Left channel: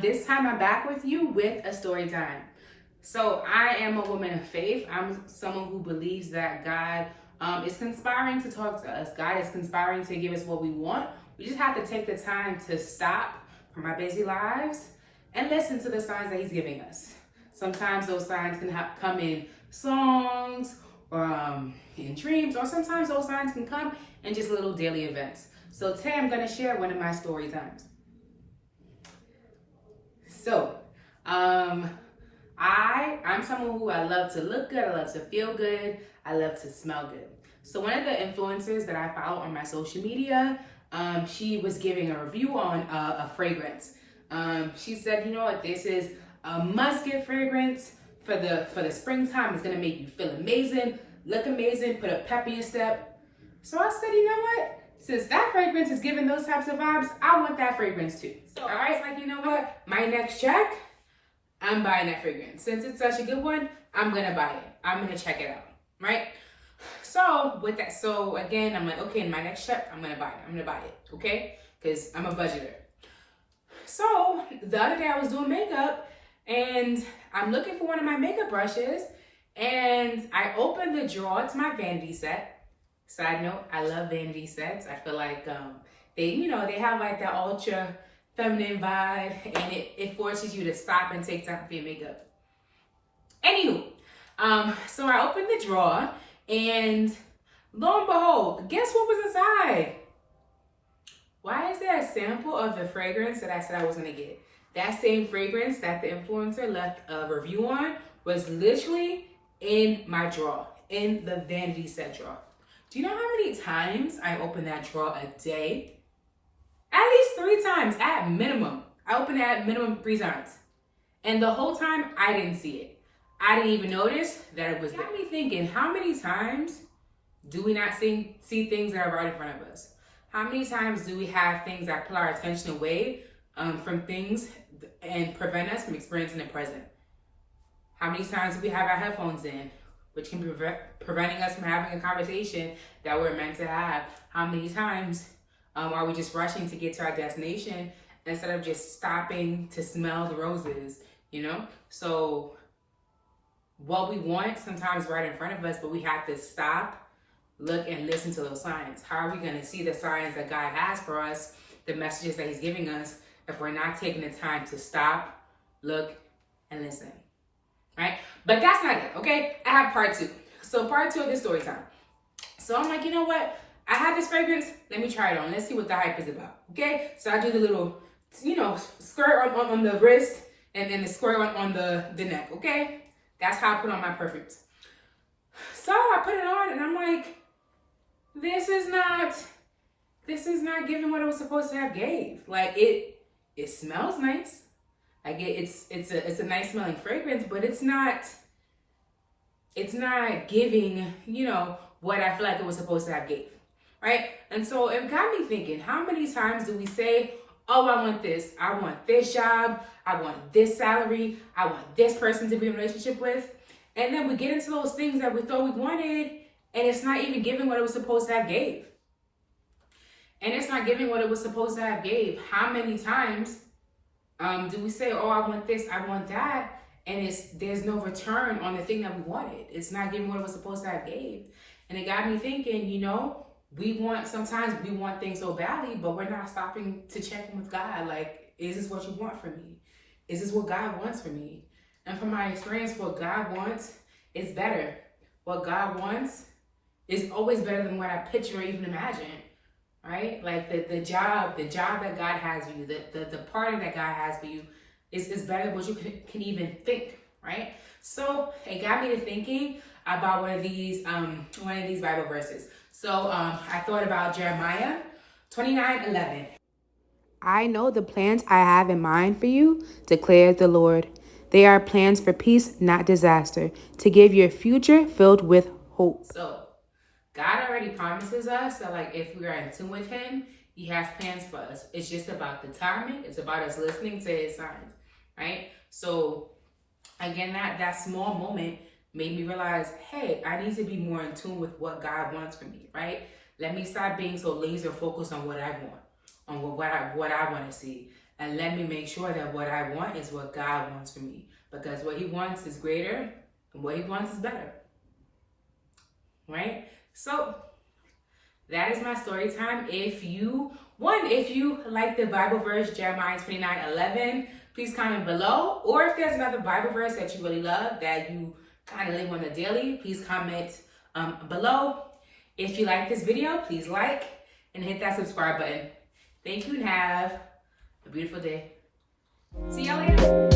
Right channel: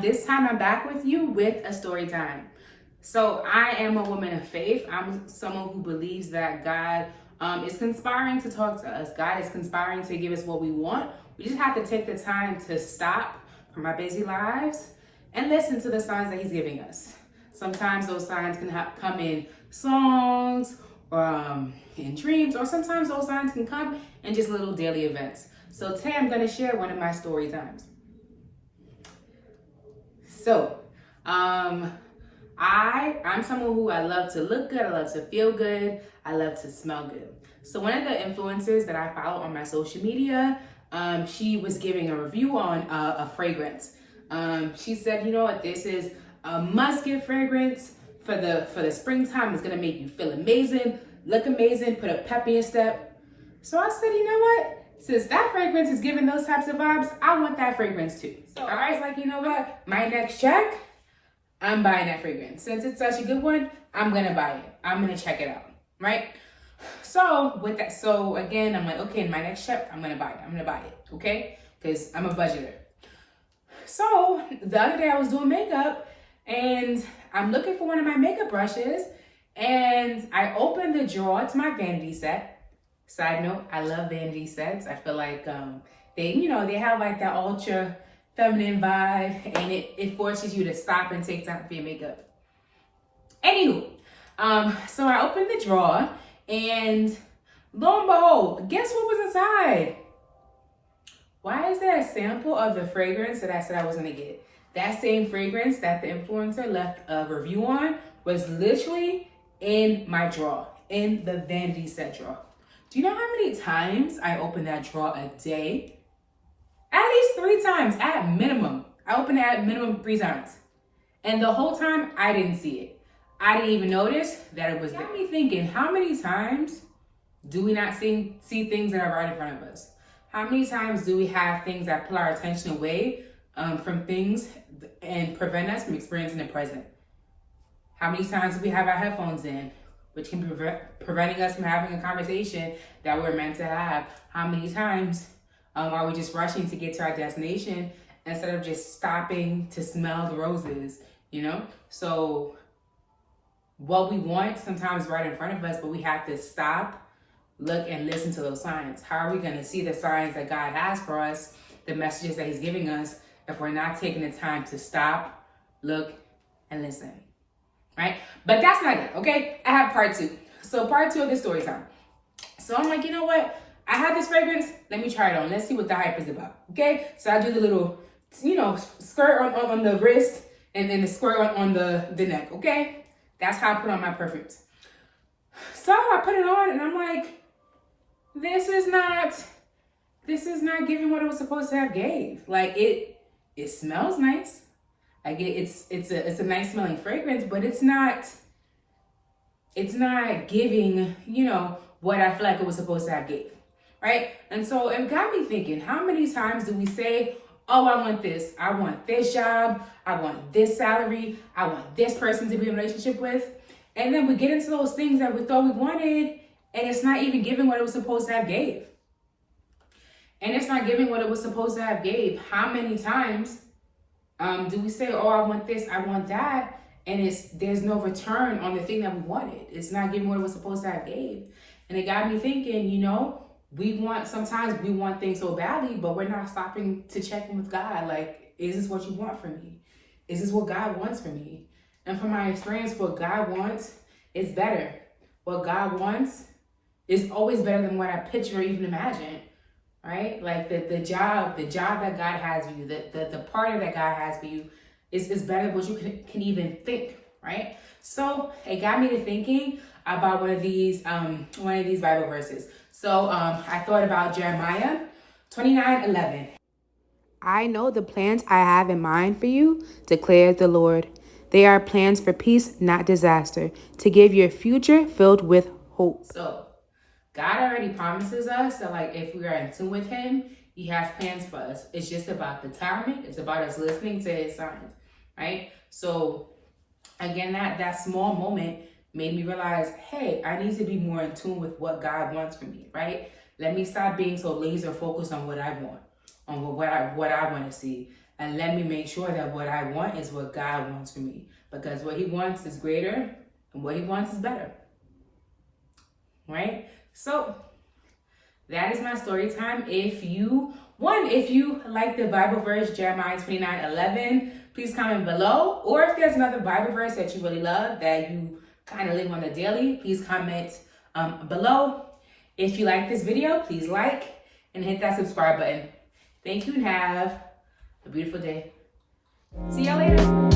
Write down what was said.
This time I'm back with you with a story time. So I am a woman of faith. I'm someone who believes that God is conspiring to talk to us. God is conspiring to give us what we want. We just have to take the time to stop from our busy lives and listen to the signs that He's giving us. Sometimes those signs can come in songs or in dreams, or sometimes those signs can come in just little daily events. So today I'm going to share one of my story times. So, I'm someone who I love to look good, I love to feel good, I love to smell good. So one of the influencers that I follow on my social media, she was giving a review on a fragrance. She said, you know what, this is a must-get fragrance for the springtime. It's gonna make you feel amazing, look amazing, put a pep in your step. So I said, you know what? Since that fragrance is giving those types of vibes, I want that fragrance too. So I was like, you know what? My next check, I'm buying that fragrance. Since it's such a good one, I'm gonna buy it. I'm gonna check it out, right? So with that, so again, I'm like, okay, in my next check, I'm gonna buy it, okay? Because I'm a budgeter. So the other day I was doing makeup and I'm looking for one of my makeup brushes and I opened the drawer to my vanity set. Side note, I love vanity sets. I feel like they have like that ultra feminine vibe, and it forces you to stop and take time for your makeup. Anywho, so I opened the drawer and lo and behold, guess what was inside? Why is there a sample of the fragrance that I said I was gonna get? That same fragrance that the influencer left a review on was literally in my drawer, in the vanity set drawer. Do you know how many times I open that drawer a day? At least 3 times at minimum. I open it at minimum 3 times. And the whole time I didn't see it. I didn't even notice that it was there. Got me thinking, how many times do we not see things that are right in front of us? How many times do we have things that pull our attention away from things and prevent us from experiencing the present? How many times do we have our headphones in, which can be preventing us from having a conversation that we're meant to have? How many times are we just rushing to get to our destination instead of just stopping to smell the roses, you know? So what we want sometimes right in front of us, but we have to stop, look, and listen to those signs. How are we gonna see the signs that God has for us, the messages that He's giving us, if we're not taking the time to stop, look, and listen? Right? But that's not it, okay? I have part 2. So part 2 of this story time. So I'm like, you know what? I have this fragrance. Let me try it on. Let's see what the hype is about, okay? So I do the little, skirt on the wrist and then the squirt on the neck, okay? That's how I put on my perfumes. So I put it on and I'm like, this is not giving what it was supposed to have gave. Like it smells nice. Like it's a nice smelling fragrance, but it's not giving, what I feel like it was supposed to have gave, right? And so it got me thinking, how many times do we say, oh, I want this job, I want this salary, I want this person to be in a relationship with, and then we get into those things that we thought we wanted, and it's not even giving what it was supposed to have gave. And it's not giving what it was supposed to have gave. How many times do we say, oh, I want this, I want that, and there's no return on the thing that we wanted? It's not giving what it was supposed to have gave. And it got me thinking, sometimes we want things so badly, but we're not stopping to check in with God. Like, is this what you want from me? Is this what God wants from me? And from my experience, what God wants is better. What God wants is always better than what I picture or even imagine. Right? Like the job that God has for you, the partner that God has for you is better than what you can even think, right? So it got me to thinking about one of these Bible verses. So I thought about Jeremiah 29:11. I know the plans I have in mind for you, declares the Lord. They are plans for peace, not disaster, to give you a future filled with hope. So God already promises us that, like, if we are in tune with Him, He has plans for us. It's just about the timing. It's about us listening to His signs, right? So, again, that small moment made me realize, hey, I need to be more in tune with what God wants from me, right? Let me stop being so laser focused on what I want, on what I want to see. and let me make sure that what I want is what God wants for me, because what he wants is greater and what he wants is better. Right? So that is my story time. If you like the Bible verse, Jeremiah 29:11, please comment below. Or if there's another Bible verse that you really love that you kind of live on a daily, please comment below. If you like this video, please like and hit that subscribe button. Thank you and have a beautiful day. See y'all later.